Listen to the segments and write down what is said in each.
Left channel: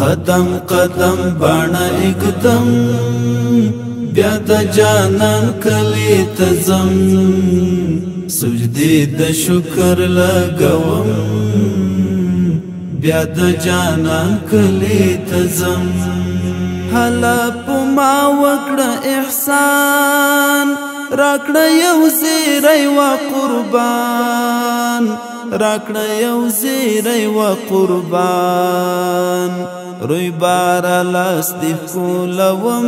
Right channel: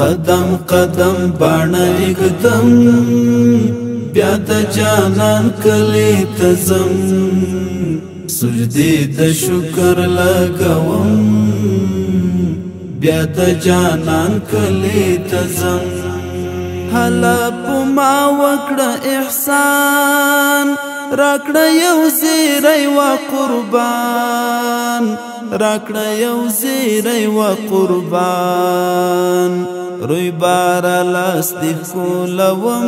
قدم قدم باڼه اګدم بیا د جانان کلی ته ځم سجدې د شکر لګوم بیا د جانان کلی ته ځم هله په ما وکړه احسان راکړه یو زیری و قربان راکړه یو زیری و قربان روی بارا لاس دی کولوم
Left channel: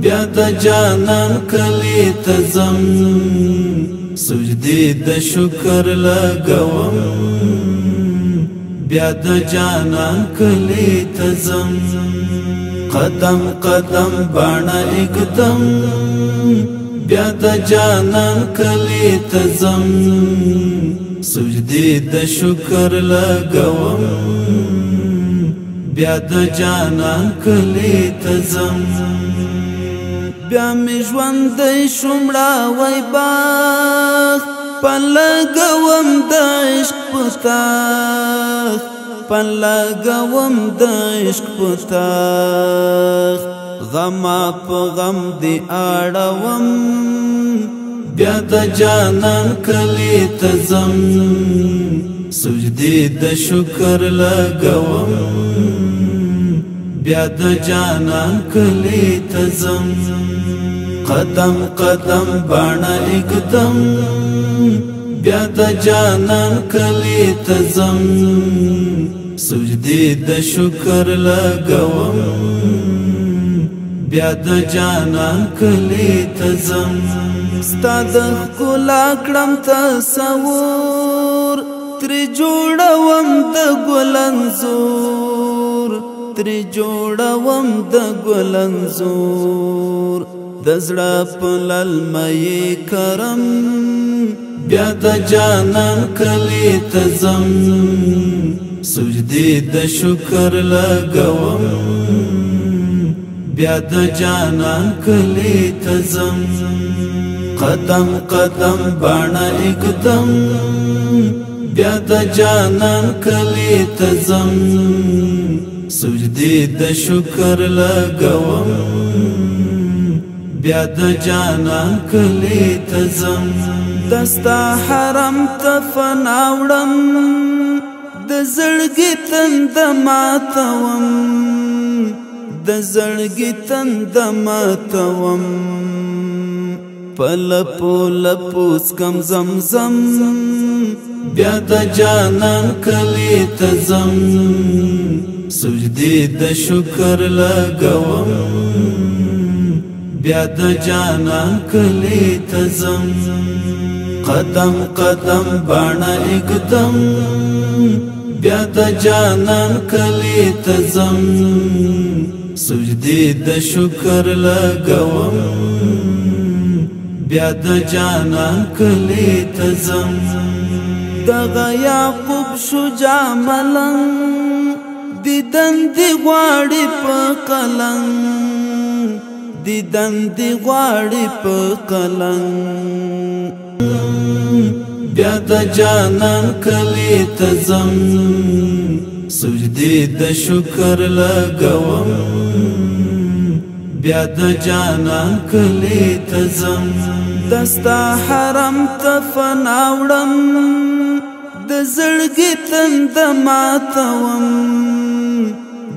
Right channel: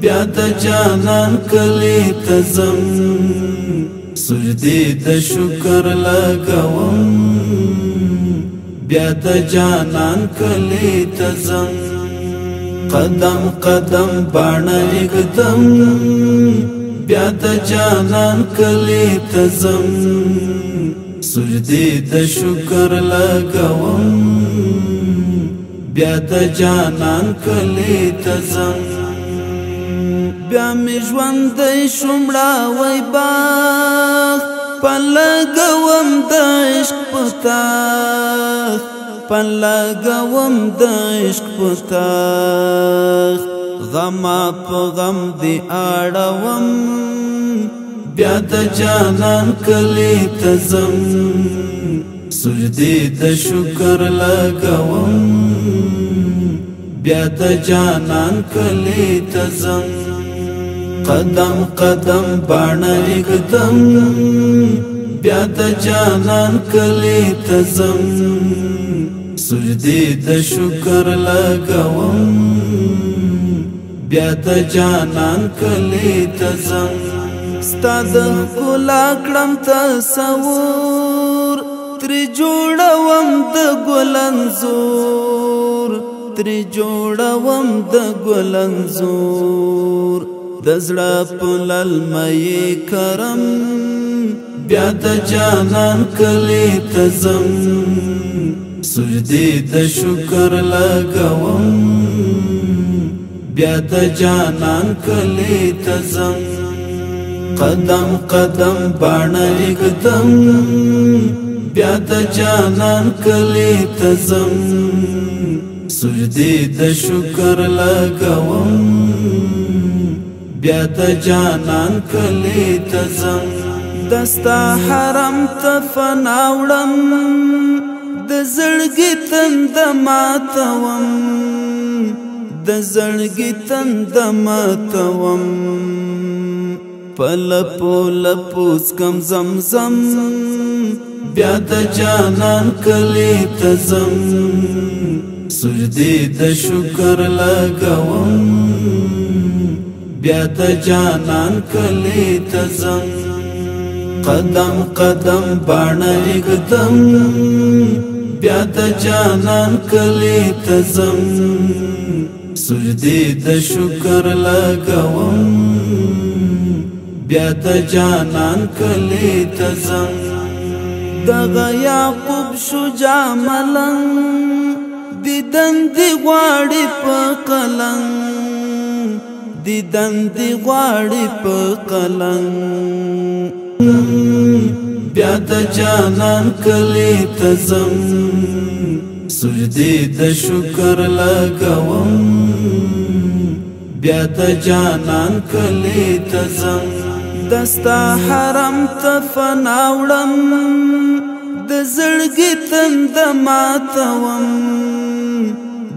بیا د جانان کلی ته ځم سجدې د شکر لګوم بیا د جانان کلی ته ځم قدم قدم باڼه اګدم بیا د جانان کلی ته ځم سجدې د شکر لګوم بیا د جانان کلی ته ځم بیا می ژوندی شوم راوی باغ پن لګوم د عشق په تاغ پن لګوم د عشق په تاغ غما په غم دی اړوم بیا د جانان کلی ته ځم سجدې د شکر لګوم بیا د جانان کلی ته ځم قدم قدم باڼه اګدم بیا د جانان کلی ته ځم سجدې د شکر لګوم بیا د جانان کلی ته ځم ستا د ښکلا کړم تصور ترې جوړوم د ګل انځور ترې جوړوم د ګل انځور د زړه په للمې کرم بیا د جانان کلی ته ځم سجدې د شکر لګوم بیا د جانان کلی ته ځم قدم قدم باڼه اګدم بیا د جانان کلی ته ځم سجدې د شکر لګوم بیا د جانان کلی ته ځم دستا حرم ته فنا وړم د زړګي تند ماتوم د زړګي تند ماتوم پلپو لپوس کم زمزم بیا د جانان کلی ته ځم سجدې د شکر لګوم بیا د جانان کلی ته ځم قدم قدم باڼه اګدم بیا د جانان کلی ته ځم سجدې د شکر لګوم بیا د جانان کلی ته ځم دغه یعقوب شجاع ملنګ دیدن دی غواړي په قلنګ دیدن دی غواړي په قلنګ بیا د جانان کلی ته ځم سجدې د شکر لګوم بیا د جانان کلی ته ځم دستا حرم ته فنا وړم د زړګي تند ماتوم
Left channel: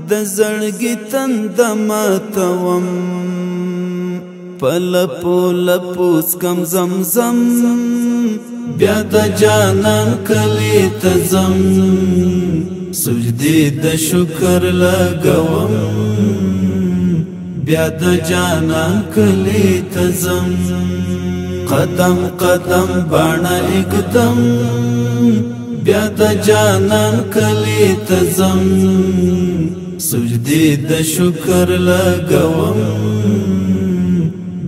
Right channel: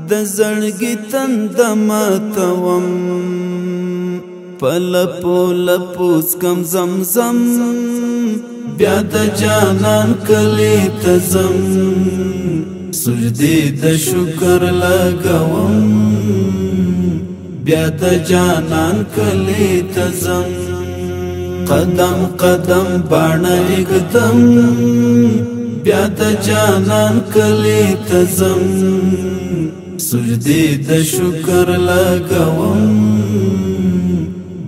د زړګي تند ماتوم پلپو لپوس کم زمزم بیا د جانان کلی ته ځم سجدې د شکر لګوم بیا د جانان کلی ته ځم قدم قدم باڼه اګدم بیا د جانان کلی ته ځم سجدې د شکر لګوم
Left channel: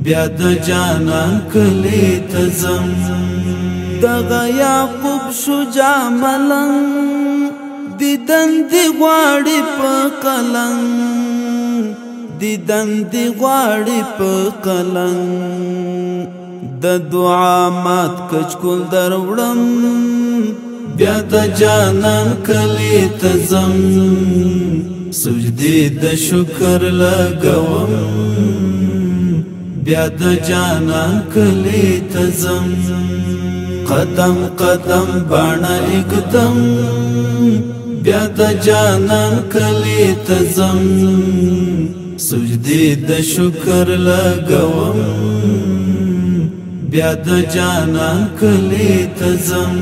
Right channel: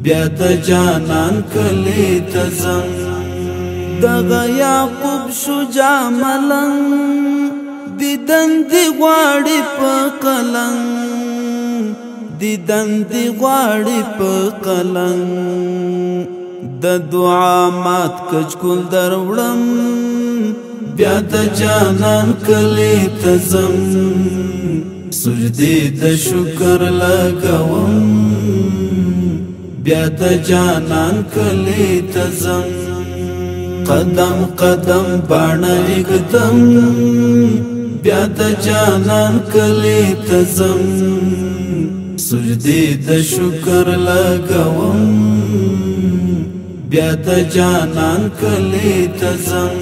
بیا د جانان کلی ته ځم دغه یعقوب شجاع ملنګ دیدن دی غواړي په قلنګ دیدن دی غواړي په قلنګ د دعا مات کچکول دروړم بیا د جانان کلی ته ځم سجدی د شکر لګوم بیا د جانان کلی تزم قدم قدم باڼه اقدم بیا د جانان کلی تزم سجدی د شکر لګوم بیا د جانان کلی تزم